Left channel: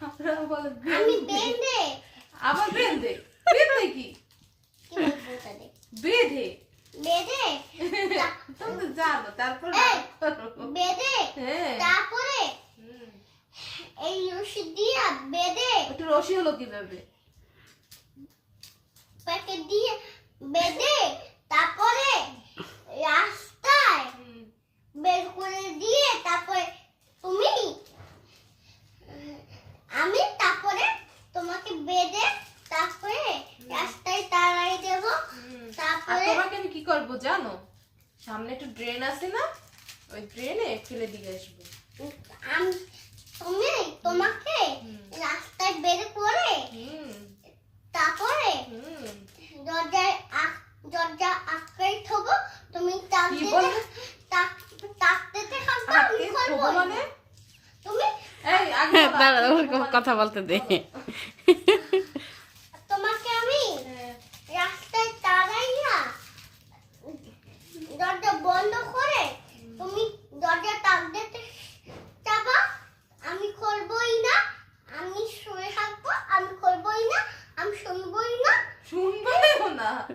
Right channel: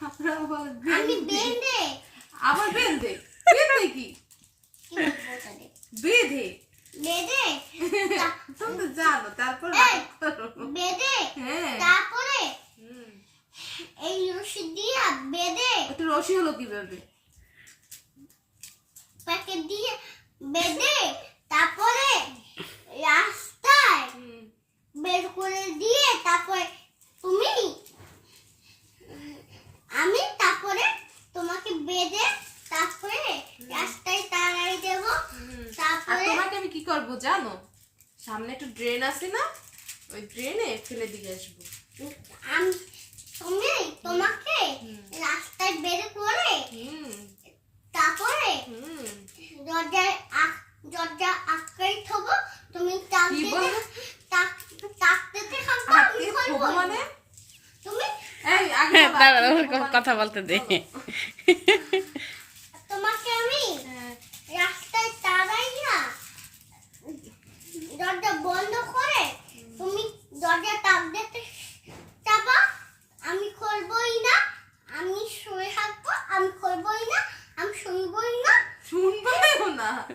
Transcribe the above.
আপনারা বলে আমি বেঁধে। আবার বেঁধে? বেঁধে কি? বেঁধে? বেঁধে? তুমি জানো তারপর! বেঁধে? হ্যাঁ। তারপরে এই রশি দিয়া বেঁধে। একটু রসি হলো কীভাবে? প্যাকেট দিয়ে বেঁধে তারপরে রাস্তায় বের করে দিয়ে তারপরে তুমি আমি তারপরে তোমাকে বেঁধে তারপরে রাস্তায় তাড়াই দেব হুম। আর তোমাকে আমি কি করব জানো? সামনে একটু ড্রেন আছে না? ওই ড্রেনে ফেলে দিয়ে আসব। আমি তুমি তোমাকে রাস্তায় বের করে হুম। তারপরে হুম। দরজায় দরজা আটকাই থবো। তুমি তাকতে বললে? তাকতে Tak.